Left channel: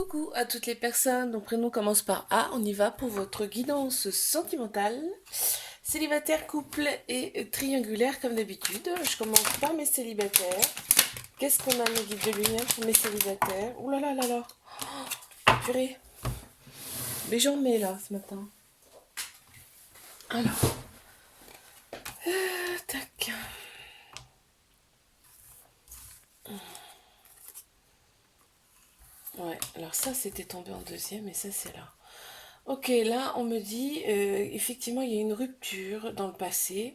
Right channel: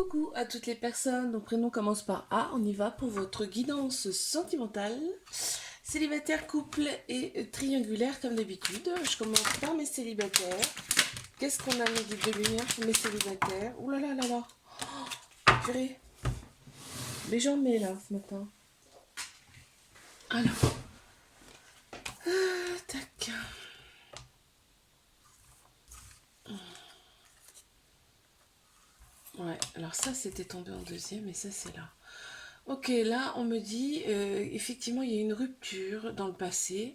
Coucou à toutes les personnes dont prénom commence par A, on y va pour votre guidance sentimentale. Célibataire, couple et triangulaire comme d'habitude. Je commence par mes célibataires. Qu'est-ce qu'on a, mes guides de lumière pour mes célibataires? Ouh là là là là. Purée. Mais j'en mets là ce matin. Alors, tac. Ouais, alors ça c'était tombé en deuxième et ça c'est là. Ok, là on me dit effectivement il y a une rupture dans le passé,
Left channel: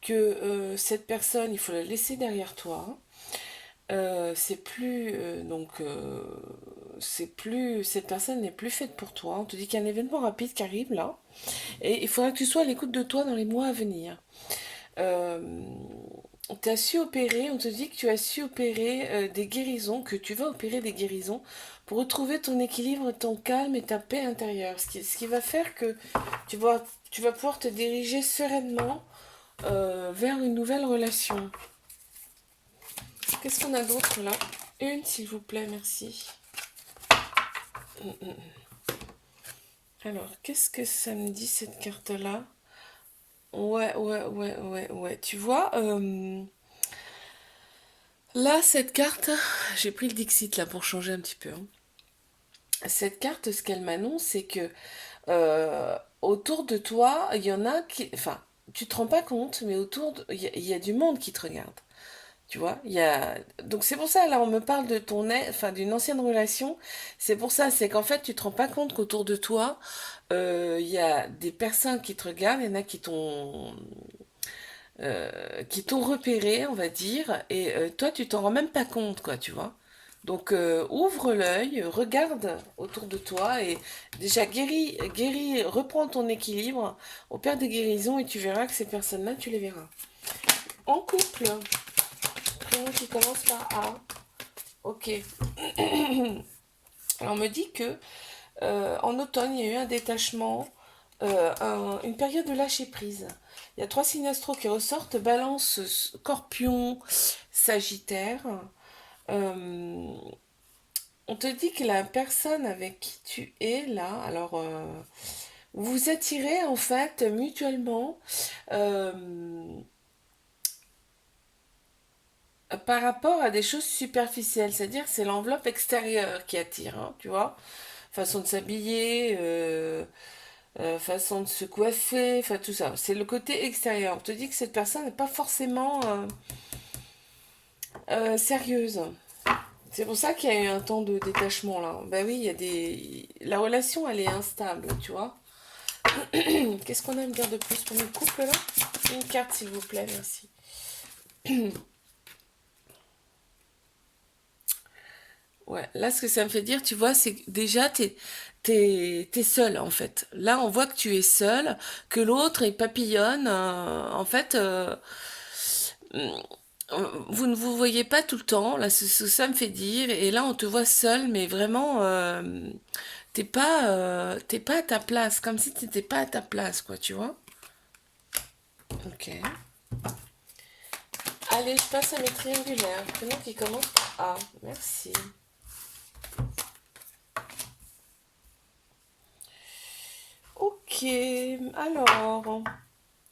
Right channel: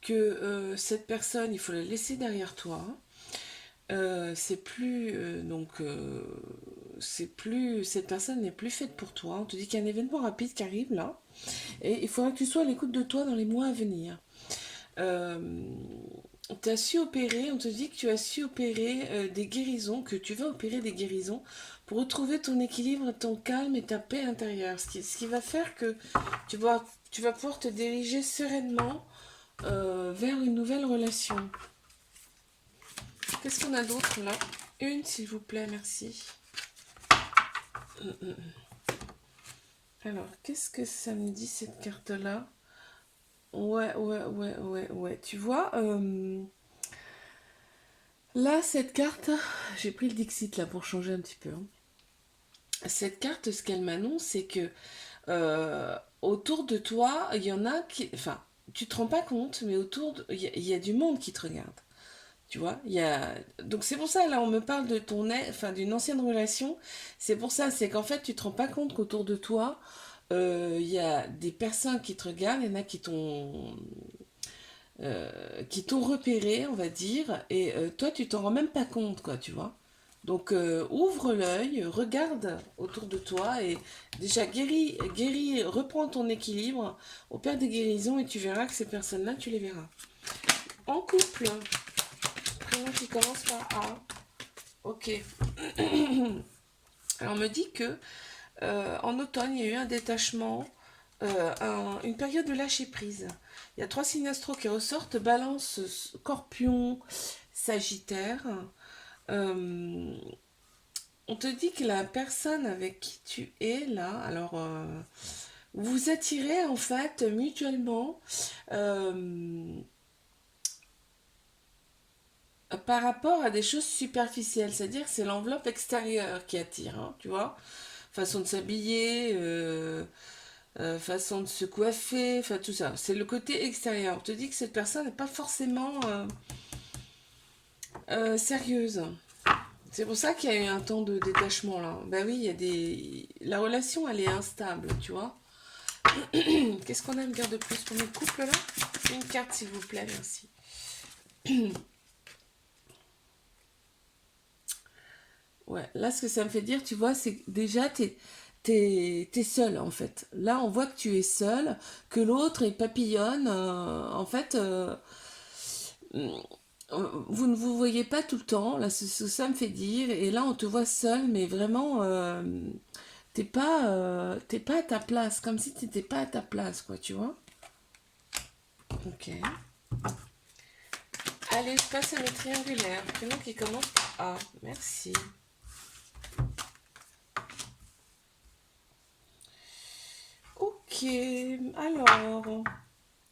que cette personne il faut la laisser derrière toi. C'est plus c'est plus cette personne n'est plus faite pour toi. On te dit qu'il y a un événement rapide qui arrive là et il faudra que tu sois à l'écoute de toi dans les mois à venir. Euh, Tu as su opérer, on te dit que tu as su opérer des guérisons, que tu vas opérer des guérisons pour retrouver ton équilibre, ton calme et ta paix intérieure. Ce qui va faire que tu vas pouvoir te diriger sereinement vers une nouvelle relation. Qu'est-ce qu'on a d'autre là? Une, s'il vous plaît, merci. Alors, qu'est-ce que ça me dit cette carte-là? Ouais, ouais, ouais, ouais, ouais. Tu vois, là, cette carte, j'ai pris le Dixit là pour changer un petit peu, hein. Cette carte, ce qu'elle m'annonce, c'est que autour de toi, il y en a qui. Enfin, tu te rends pas compte, mais il y a du monde qui te regarde. Tu vois, il y a... Donc c'est pour ça, là, on me parle de enfin, d'une ancienne relation. C'est pour ça, c'est qu'en fait, tu te rends pas compte qu'autour de toi, il y a des personnes qui te regardent, il y en a qui t'ont repéré, on va dire, et toi, tu t'en rends même pas compte, quoi, tu vois. Donc ouvre l'œil, regarde autour de toi et déjà guéris, reprends ton équilibre, opère des guérisons et tu verras que ces personnes-là, tu les verras. En couple, prénom qui commence par A. Ok. Alors on me dit que en automne, il y a eu un détachement, une période de lâcher prise. Il y a trois signes astro qui ressortent, Balance, Scorpion, Sagittaire. Euh, on te dit que la personne avec qui tu es là, alors vous vous attirez en fait mutuellement euh, par rapport à des choses superficielles, c'est-à-dire que c'est l'enveloppe extérieure qui attire, hein, tu vois, façon de s'habiller, façon de se coiffer, enfin tout ça. C'est le côté extérieur. On te dit que cette personne n'est pas forcément sérieuse. C'est pour ça qu'il y a eu un temps de détachement là. Ben oui, il y a des. La relation elle est instable, tu vois. Qu'est-ce qu'on a à me dire de plus pour notre couple là? Une carte s'il vous plaît, merci. Ouais, là ce que ça me fait dire, tu vois, c'est que déjà t'es seul en fait. Là on voit que tu es seul, que l'autre est papillonne. En fait, vous ne vous voyez pas tout le temps, là, ça me fait dire, et là, on te voit seul, mais vraiment, t'es pas à ta place, comme si t'étais pas à ta place, quoi, tu vois. Ok. Allez, je passe à mes triangulaires, prénom qui commence par A, merci. Ok, alors,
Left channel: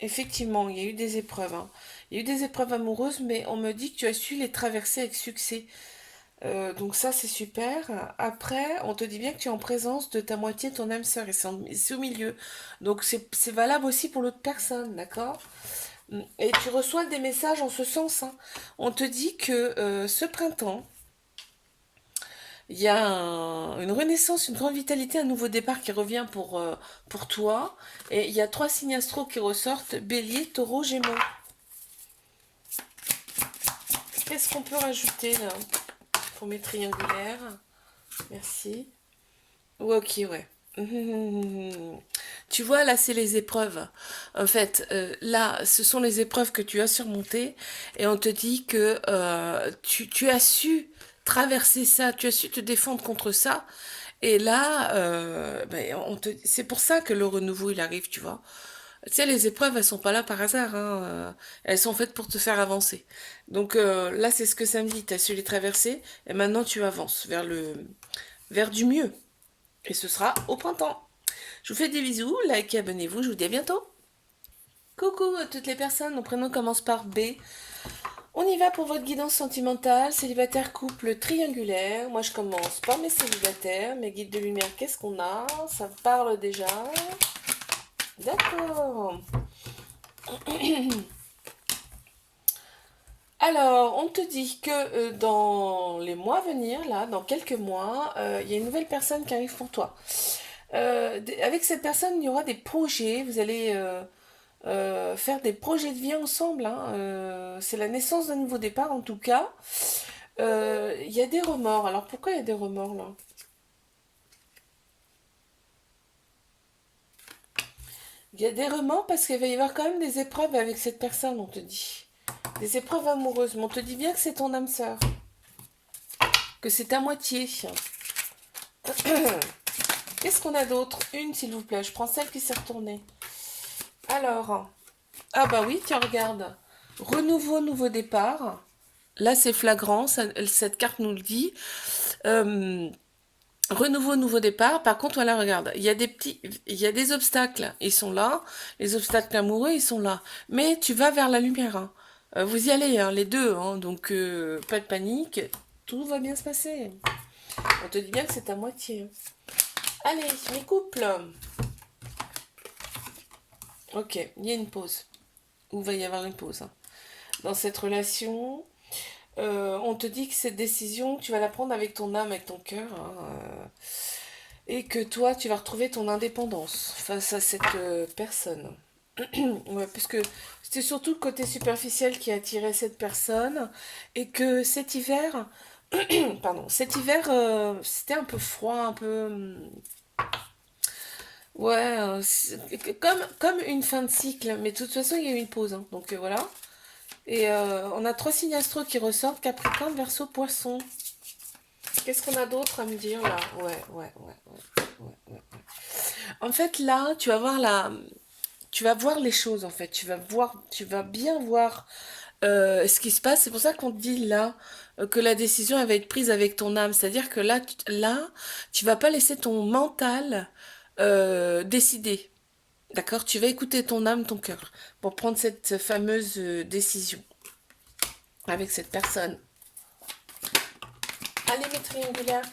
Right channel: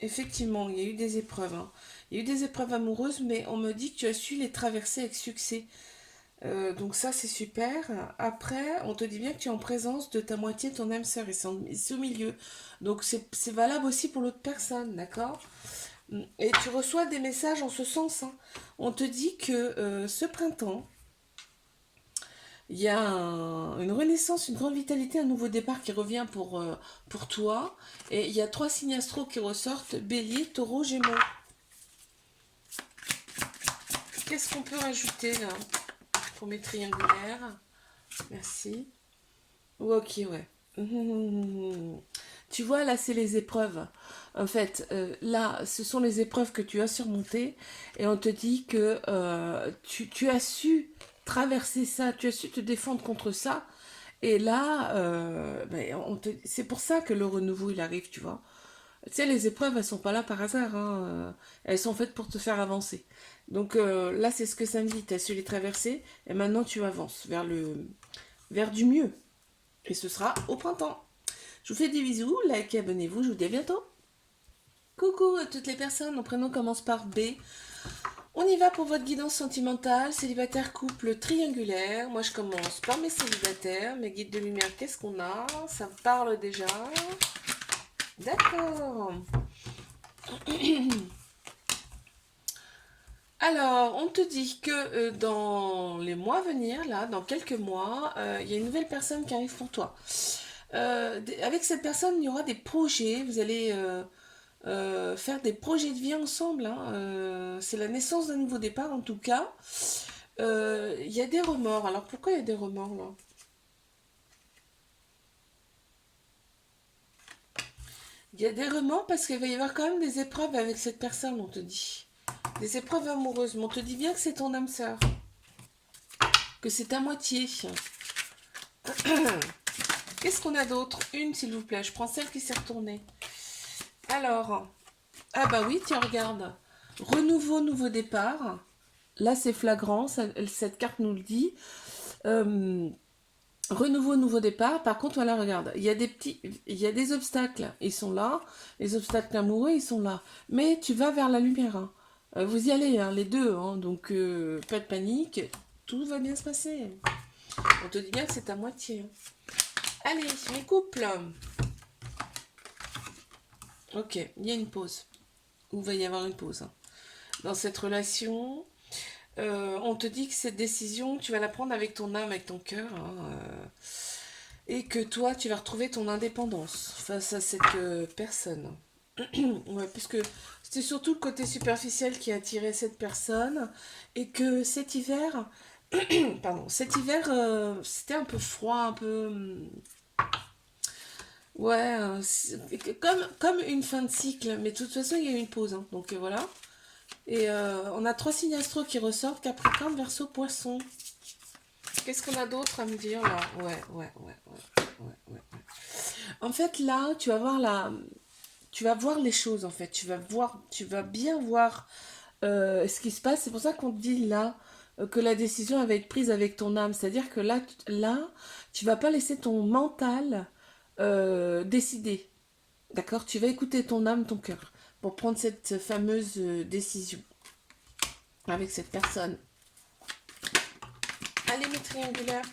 effectivement, il y a eu des épreuves, hein. Il y a eu des épreuves amoureuses, mais on me dit que tu as su les traverser avec succès. Donc ça, c'est super. Après, on te dit bien que tu es en présence de ta moitié, ton âme sœur, et c'est au milieu. Donc c'est valable aussi pour l'autre personne, d'accord? Et tu reçois des messages en ce sens, hein. On te dit que ce printemps, il y a une renaissance, une grande vitalité, un nouveau départ qui revient pour toi. Et il y a trois signes astro qui ressortent, Bélier, Taureau, Gémeaux. Qu'est-ce qu'on peut rajouter là pour mes triangulaires? Merci. Ok, ouais. Tu vois, là, c'est les épreuves. En fait, là, ce sont les épreuves que tu as surmontées et on te dit que tu as su traverser ça, tu as su te défendre contre ça. Et là, ben, c'est pour ça que le renouveau, il arrive, tu vois. Tu sais, les épreuves, elles sont pas là par hasard, hein. Elles sont faites pour te faire avancer. Donc là, c'est ce que ça me dit. Tu as su les traverser et maintenant tu avances vers du mieux. Et ce sera au printemps. Je vous fais des bisous, likez, abonnez-vous, je vous dis à bientôt. Coucou à toutes les personnes, mon prénom commence par B. On y va pour votre guidance sentimentale, célibataire, couple, triangulaire. Moi je commence par mes célibataires, mes guides de lumière, qu'est-ce qu'on a? Ça me parle déjà. D'accord. Alors, on te dit que dans les mois à venir, là, dans quelques mois, il y a une nouvelle personne qui arrive pour toi. Avec cette personne, il y aura des projets. Vous allez faire des projets de vie ensemble, hein. C'est la naissance d'un nouveau départ, en tout cas. Il y a des remords. Alors, pourquoi il y a des remords, là? Il y a des remords parce qu'il va y avoir quand même des épreuves avec cette personne, on te dit. Des épreuves amoureuses. Mais on te dit bien que c'est ton âme sœur. Que c'est ta moitié. Qu'est-ce qu'on a d'autre? Une, s'il vous plaît. Je prends celle qui s'est retournée. Alors. Ah bah oui, tiens, regarde. Renouveau, nouveau départ. Là, c'est flagrant. Cette carte nous le dit. Euh, renouveau, nouveau départ. Par contre, voilà, regarde. Il y a des obstacles. Ils sont là. Les obstacles amoureux, ils sont là. Mais tu vas vers la lumière, hein. Vous y allez, hein, les deux. Hein, donc, pas de panique. Tout va bien se passer. On te dit bien que c'est à moitié, hein. Allez, mes couples. Ok, il y a une pause. Ou va y avoir une pause, hein. Dans cette relation, on te dit que cette décision, tu vas la prendre avec ton âme, avec ton cœur, hein, et que toi, tu vas retrouver ton indépendance face à cette personne. Ouais, puisque c'était surtout le côté superficiel qui attirait cette personne, et que cet hiver, pardon, cet hiver, c'était un peu froid, un peu, ouais, comme une fin de cycle, mais de toute façon, il y a eu une pause, hein, donc voilà. Et on a trois signes astro qui ressortent, Capricorne, Verseau, Poisson. Qu'est-ce qu'on a d'autre à me dire là? Ouais. En fait, là, tu vas voir les choses, en fait. Tu vas bien voir ce qui se passe. C'est pour ça qu'on te dit là que la décision elle va être prise avec ton âme. C'est-à-dire que là, tu vas pas laisser ton mental décider. D'accord? Tu vas écouter ton âme, ton cœur, pour prendre cette fameuse décision avec cette personne. Allez, mes triangulaires.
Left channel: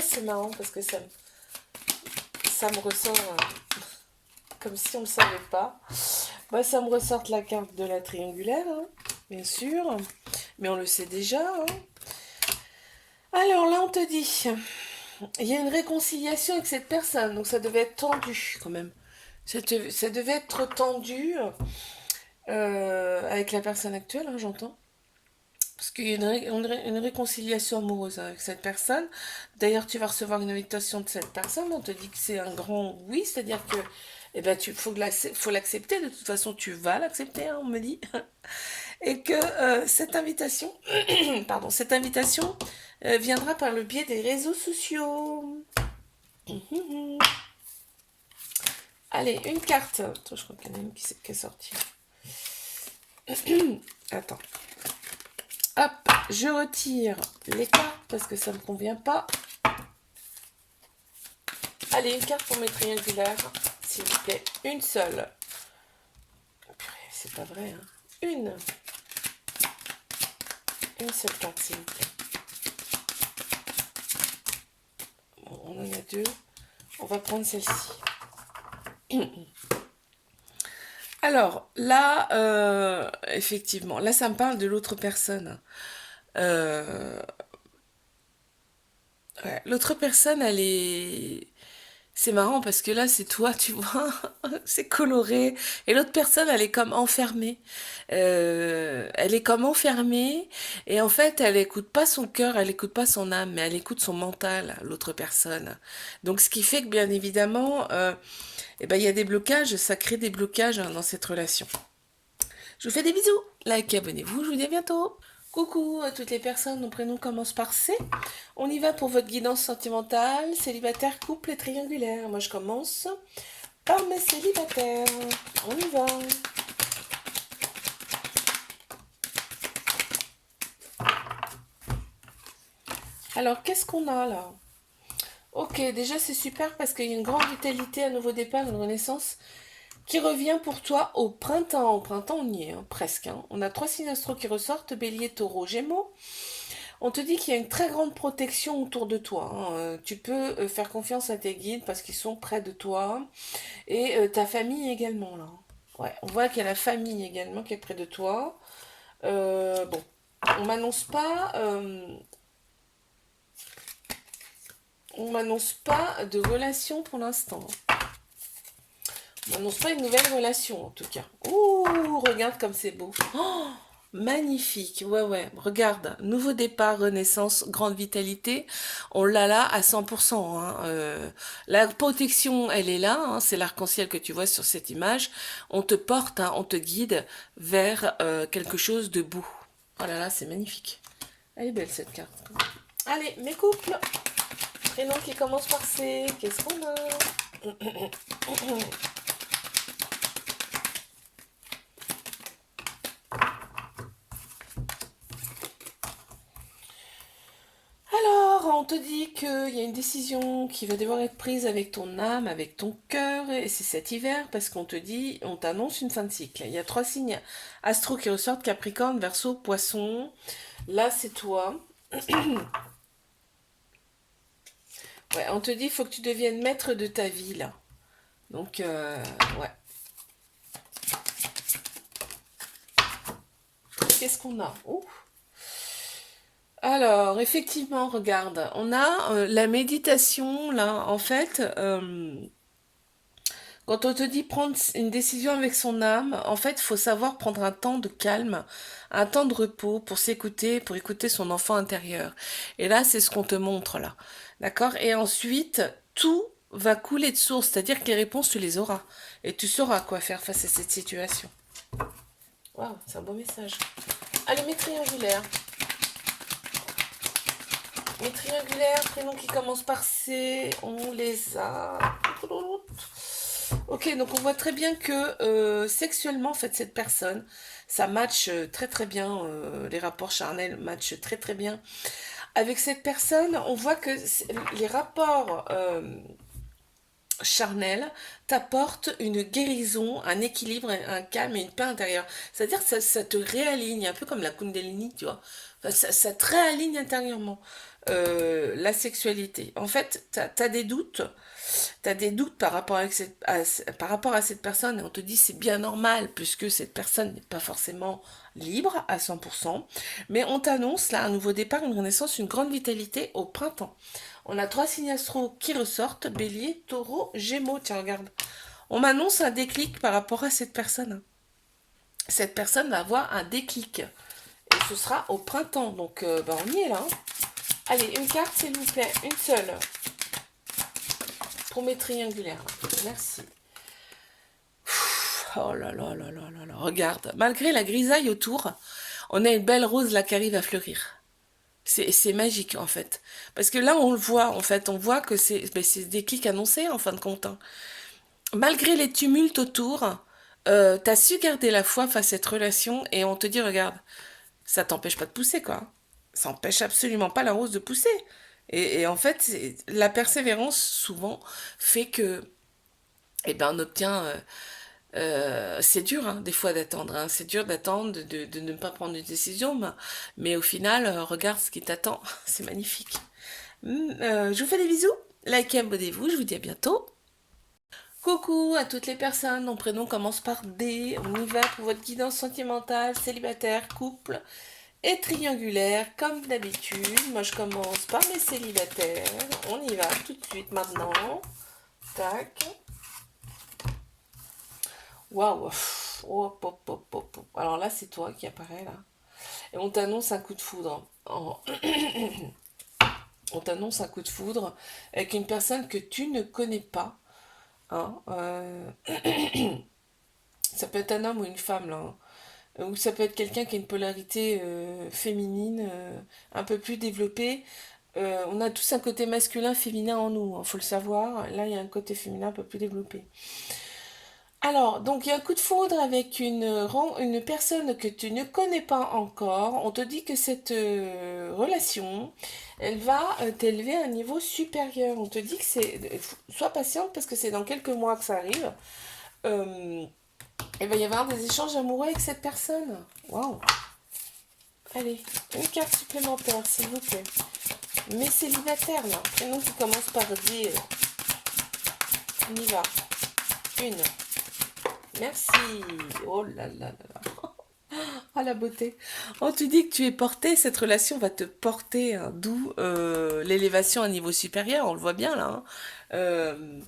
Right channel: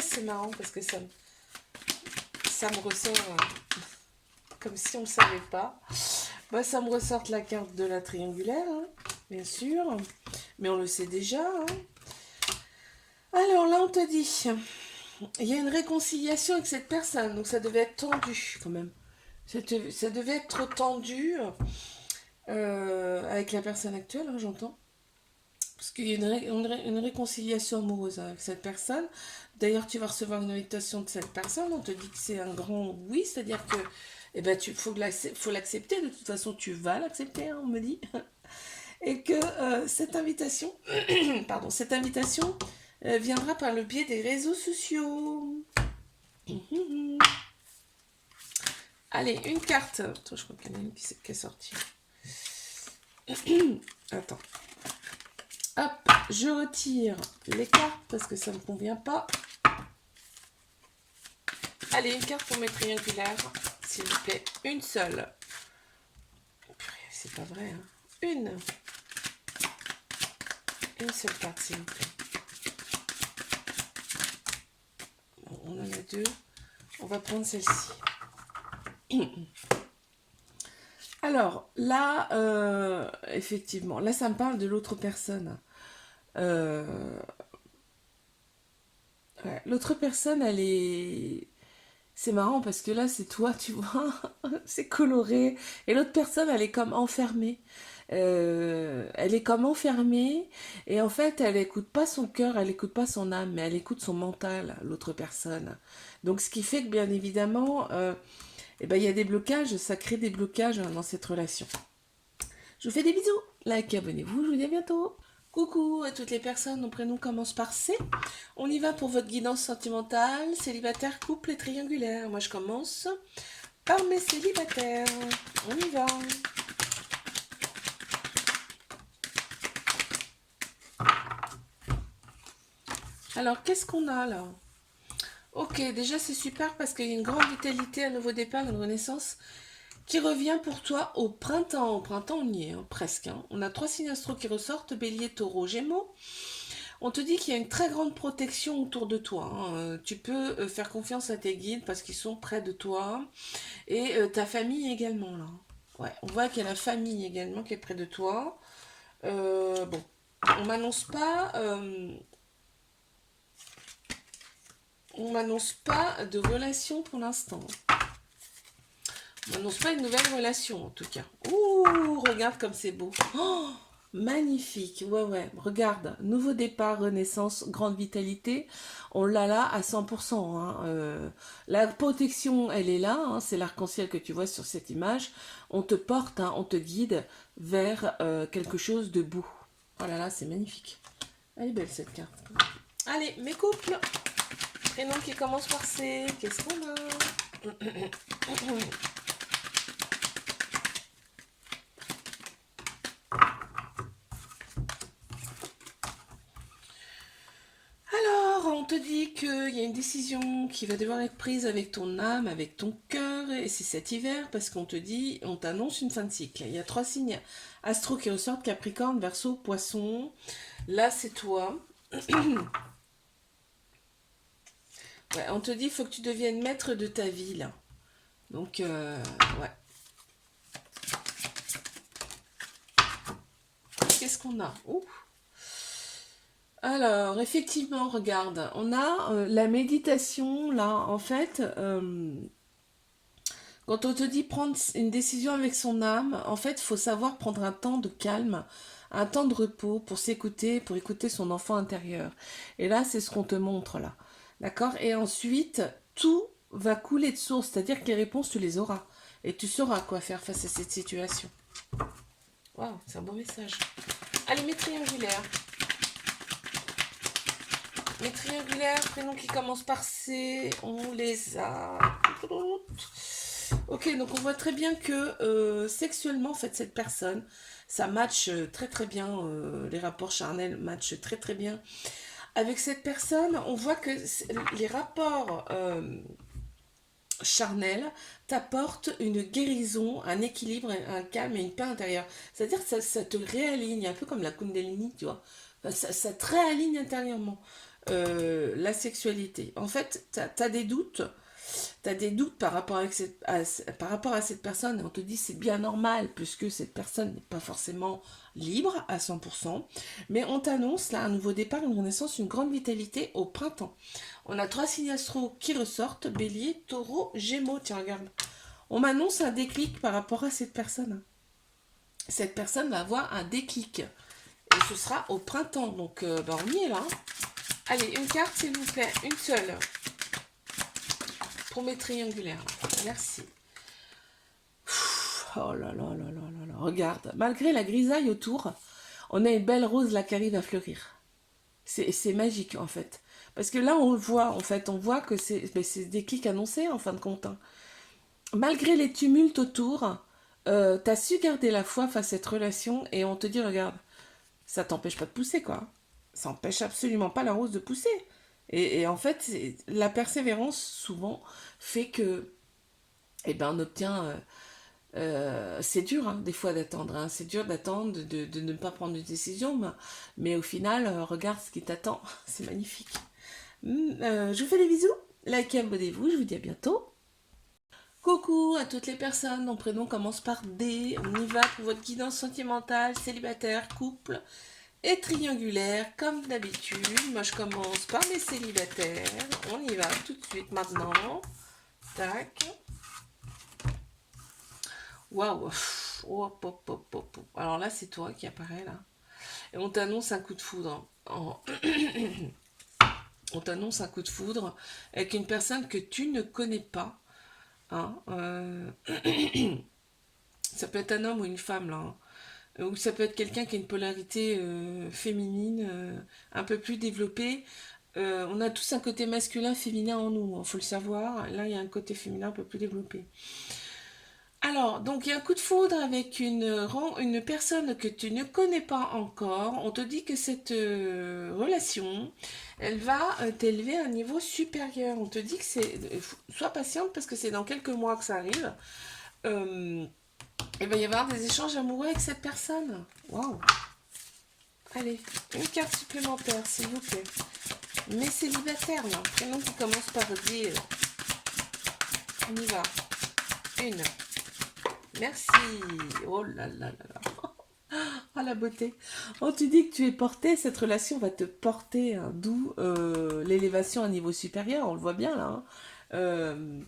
C'est marrant parce que ça me ressort comme si on ne le savait pas. Bah, ça me ressort la carte de la triangulaire, hein, bien sûr. Mais on le sait déjà, hein. Alors là, on te dit, il y a une réconciliation avec cette personne. Donc ça devait être tendu quand même. Ça devait être tendu avec la personne actuelle, hein, j'entends. Parce qu'il y a une réconciliation amoureuse avec cette personne. D'ailleurs, tu vas recevoir une invitation de cette personne. On te dit que c'est un grand oui, c'est-à-dire que eh ben, faut l'accepter. De toute façon, tu vas l'accepter, hein, on me dit. Et que cette invitation, pardon, cette invitation viendra par le biais des réseaux sociaux. Allez, une carte. Attends, je crois qu'il y en a une qui est sortie. Attends. Hop, je retire les cartes parce que ça ne me convient pas. Allez, une carte pour mes triangulaires, s'il vous plaît. Une seule. C'est pas vrai, hein. Une seule carte, s'il vous plaît. Bon, on en a deux. On va prendre celle-ci. Alors, là, effectivement, là, ça me parle de l'autre personne. Ouais, l'autre personne, elle est... C'est marrant parce que là, c'est toi, tu vois, c'est coloré. Et l'autre personne, elle est comme enfermée. Elle est comme enfermée. Et en fait, elle écoute pas son cœur, elle écoute pas son âme, mais elle écoute son mental, l'autre personne. Donc, ce qui fait que, bien évidemment, eh ben, il y a des blocages, ça crée des blocages, hein, dans cette relation. Je vous fais des bisous. Like, abonnez-vous, je vous dis à bientôt. Coucou à toutes les personnes, mon prénom commence par C. On y va pour votre guidance sentimentale, célibataire, couple et triangulaire. Moi je commence par mes célibataires. On y va. Alors, qu'est-ce qu'on a là? Ok, déjà c'est super parce qu'il y a une grande vitalité, un nouveau départ, une renaissance qui revient pour toi au printemps. Au printemps, on y est, hein, presque. Hein. On a trois signes astro qui ressortent, Bélier, Taureau, Gémeaux. On te dit qu'il y a une très grande protection autour de toi. Hein. Tu peux faire confiance à tes guides parce qu'ils sont près de toi. Et ta famille également, là. Ouais, on voit qu'il y a la famille également qui est près de toi. Bon, on m'annonce pas de relation pour l'instant. On m'annonce pas une nouvelle relation en tout cas. Ouh, regarde comme c'est beau. Oh, magnifique. Ouais, ouais. Regarde, nouveau départ, renaissance, grande vitalité. On l'a là à 100%. Hein. La protection, elle est là. Hein. C'est l'arc-en-ciel que tu vois sur cette image. On te porte, hein, on te guide vers quelque chose de beau. Oh là là, c'est magnifique. Elle est belle cette carte. Allez, mes couples. Prénom qui commence par C. Qu'est-ce qu'on a? Alors, on te dit qu'il y a une décision qui va devoir être prise avec ton âme, avec ton cœur, et c'est cet hiver, parce qu'on te dit, on t'annonce une fin de cycle. Il y a trois signes astro qui ressortent, Capricorne, Verseau, Poisson. Là, c'est toi. Ouais, on te dit, il faut que tu deviennes maître de ta vie, là. Donc, ouais. Qu'est-ce qu'on a? Ouh. Alors, effectivement, regarde, on a la méditation, là, en fait, quand on te dit prendre une décision avec son âme, en fait, il faut savoir prendre un temps de calme, un temps de repos pour s'écouter, pour écouter son enfant intérieur. Et là, c'est ce qu'on te montre, là. D'accord? Et ensuite, tout va couler de source, c'est-à-dire que les réponses, tu les auras. Et tu sauras quoi faire face à cette situation. Waouh, c'est un beau message. Allez, mes triangulaires. Mes triangulaires, prénoms qui commencent par C, on les a. Ok, donc on voit très bien que sexuellement, en fait, cette personne, ça match très très bien, les rapports charnels matchent très très bien. Avec cette personne, on voit que les rapports charnels t'apportent une guérison, un équilibre, un calme et une paix intérieure. C'est-à-dire que ça te réaligne, un peu comme la Kundalini, tu vois. Enfin, ça te réaligne intérieurement. La sexualité. En fait, tu as des doutes. Tu as des doutes par rapport à cette personne et on te dit c'est bien normal puisque cette personne n'est pas forcément libre à 100%. Mais on t'annonce là un nouveau départ, une renaissance, une grande vitalité au printemps. On a trois signes astro qui ressortent, Bélier, Taureau, Gémeaux. Tiens, regarde. On m'annonce un déclic par rapport à cette personne. Cette personne va avoir un déclic. Et ce sera au printemps. Donc, on y est là. Hein. Allez, une carte, s'il vous plaît. Une seule. Pour mes triangulaires. Merci. Oh là là là là là là. Regarde. Malgré la grisaille autour, on a une belle rose là qui arrive à fleurir. C'est magique en fait. Parce que là, on le voit en fait. On voit que c'est des déclic annoncés en fin de compte. Hein. Malgré les tumultes autour, t'as su garder la foi face à cette relation et on te dit, regarde, ça t'empêche pas de pousser quoi. Ça empêche absolument pas la rose de pousser. Et en fait, la persévérance souvent fait que, eh ben, on obtient. C'est dur des fois d'attendre. Hein. C'est dur d'attendre, de ne pas prendre une décision, mais au final, regarde ce qui t'attend. C'est magnifique. Je vous fais des bisous. Likez, abonnez-vous. Je vous dis à bientôt. Coucou à toutes les personnes, mon prénom commence par D. On y va pour votre guidance sentimentale, célibataire, couple et triangulaire, comme d'habitude. Moi, je commence par mes célibataires. On y va tout de suite maintenant. Tac. Waouh. Oh, pop, pop, pop, pop. Alors là, c'est toi qui apparaît là. Et on t'annonce un coup de foudre. On t'annonce un coup de foudre avec une personne que tu ne connais pas. Hein, ça peut être un homme ou une femme là. Hein. Ou ça peut être quelqu'un qui a une polarité féminine un peu plus développée. On a tous un côté masculin, féminin en nous, il faut le savoir. Là, il y a un côté féminin un peu plus développé. Alors, donc il y a un coup de foudre avec une personne que tu ne connais pas encore. On te dit que cette relation, elle va t'élever à un niveau supérieur. On te dit que c'est... Sois patiente parce que c'est dans quelques mois que ça arrive. Euh, il va y avoir des échanges amoureux avec cette personne. Waouh. Allez, une carte supplémentaire, s'il vous plaît. Mais célibataire, là. Prénom qui commence par D. On y va. Une. Merci. Oh là là là là. Oh la beauté. On te dit que tu es porté, cette relation va te porter, hein, d'où l'élévation à un niveau supérieur, on le voit bien là, hein. Euh,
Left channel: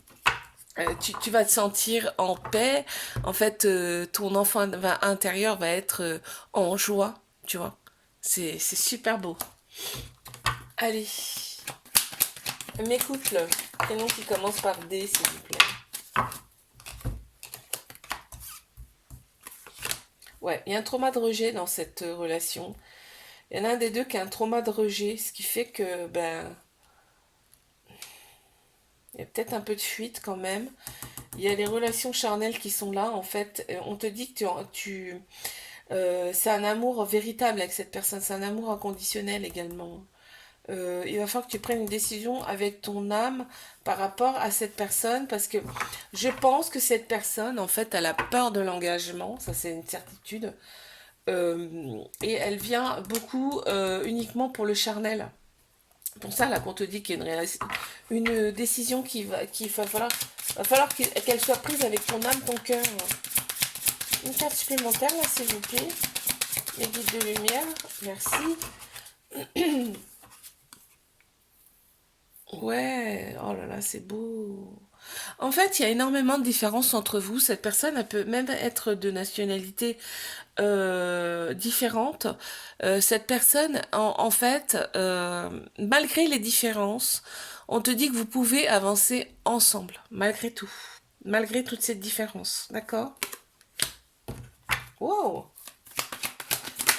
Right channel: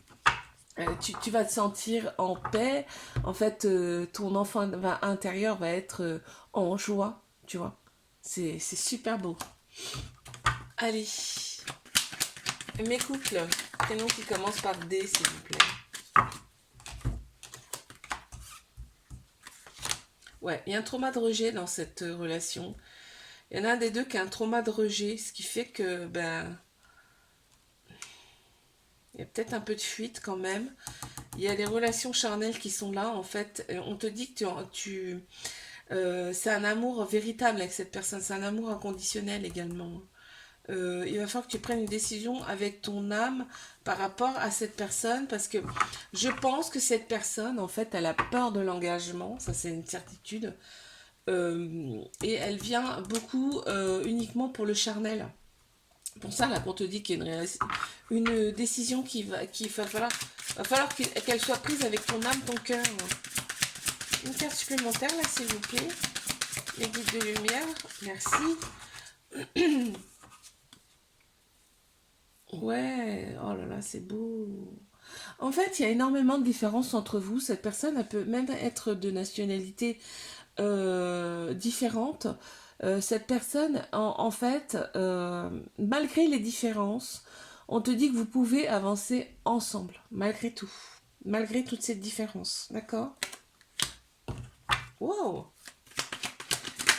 tu vas te sentir en paix. En fait, ton enfant intérieur va être en joie, tu vois. C'est super beau. Allez, mes couples, prénom qui commence par D, s'il vous plaît. Ouais, il y a un trauma de rejet dans cette relation. Il y en a un des deux qui a un trauma de rejet, ce qui fait que, ben, il y a peut-être un peu de fuite quand même. Il y a les relations charnelles qui sont là, en fait. On te dit que c'est un amour véritable avec cette personne, c'est un amour inconditionnel également. Il va falloir que tu prennes une décision avec ton âme par rapport à cette personne, parce que je pense que cette personne, en fait, elle a peur de l'engagement, ça c'est une certitude. Et elle vient beaucoup uniquement pour le charnel. Pour ça, là, qu'on te dit qu'il y a une décision qu'il va falloir qu'elle soit prise avec ton âme, ton cœur. Une carte supplémentaire, là, s'il vous plaît. Les guides de lumière, merci. Ouais, oh là là, c'est beau. En fait, il y a énormément de différences entre vous. Cette personne, elle peut même être de nationalité différente. Cette personne, en fait, malgré les différences, on te dit que vous pouvez avancer ensemble, malgré tout. Malgré toutes ces différences. D'accord? Wow!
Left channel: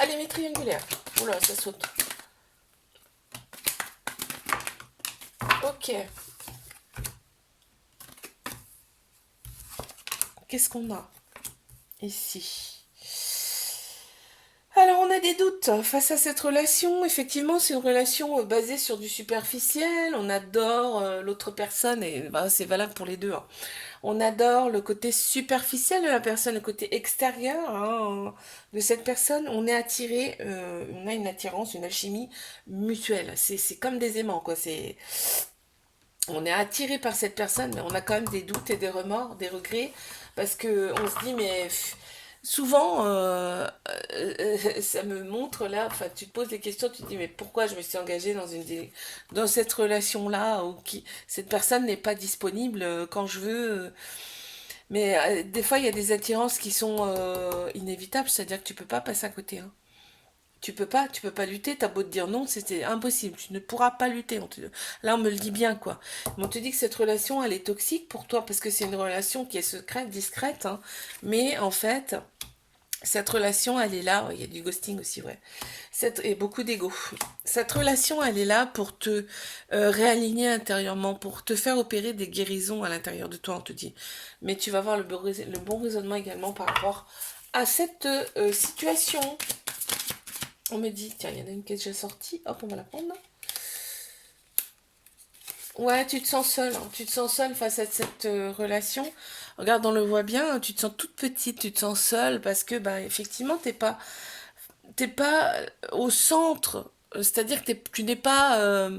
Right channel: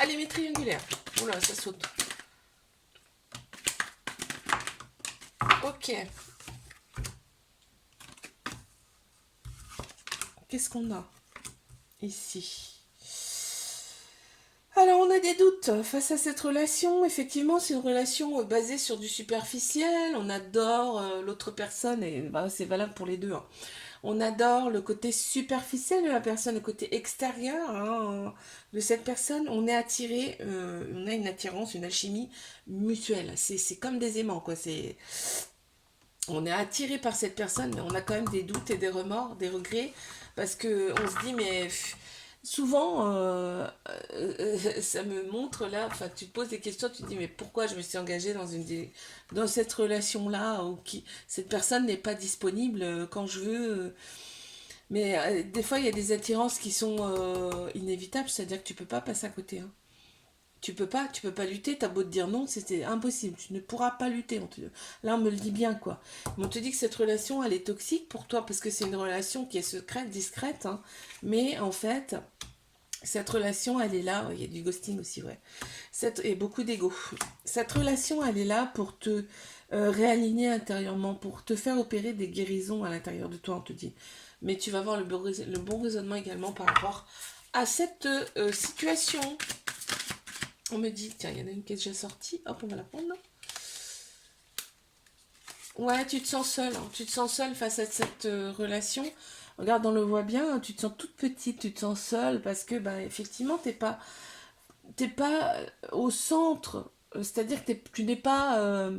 Allez, mes triangulaires. Oula, ça saute. Ok. Qu'est-ce qu'on a ici? Alors, on a des doutes face à cette relation. Effectivement, c'est une relation basée sur du superficiel. On adore l'autre personne, et ben, c'est valable pour les deux, hein. On adore le côté superficiel de la personne, le côté extérieur, hein, de cette personne. On est attiré, on a une attirance, une alchimie mutuelle. C'est comme des aimants, quoi. On est attiré par cette personne, mais on a quand même des doutes et des remords, des regrets, parce que on se dit, mais souvent, ça me montre là, enfin, tu te poses des questions, tu te dis, mais pourquoi je me suis engagée dans cette relation-là, où cette personne n'est pas disponible quand je veux. Mais des fois, il y a des attirances qui sont inévitables, c'est-à-dire que tu peux pas passer à côté, hein. Tu peux pas lutter, t'as beau te dire non, c'était impossible, tu ne pourras pas lutter. Là, on me le dit bien, quoi. Mais on te dit que cette relation, elle est toxique pour toi, parce que c'est une relation qui est secrète, discrète, hein. Mais en fait, cette relation, elle est là, il y a du ghosting aussi, vrai. Et beaucoup d'ego. Cette relation, elle est là pour te réaligner intérieurement, pour te faire opérer des guérisons à l'intérieur de toi, on te dit. Mais tu vas avoir le bon raisonnement également par rapport à cette situation. On me dit, tiens, il y en a une qui est déjà sortie. Hop, on va la prendre. Ouais, tu te sens seule, hein. Tu te sens seule face à cette relation. Regarde, on le voit bien, hein, tu te sens toute petite, tu te sens seule parce que, bah, effectivement, t'es pas au centre. C'est-à-dire que tu n'es pas,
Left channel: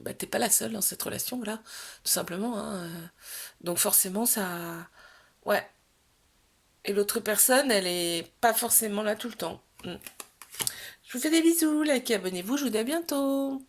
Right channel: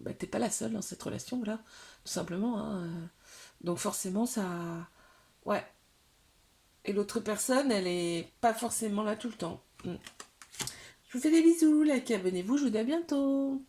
bah, t'es pas la seule dans cette relation, là, tout simplement, hein. Donc forcément, ça, ouais. Et l'autre personne, elle est pas forcément là tout le temps. Je vous fais des bisous, likez, abonnez-vous, je vous dis à bientôt.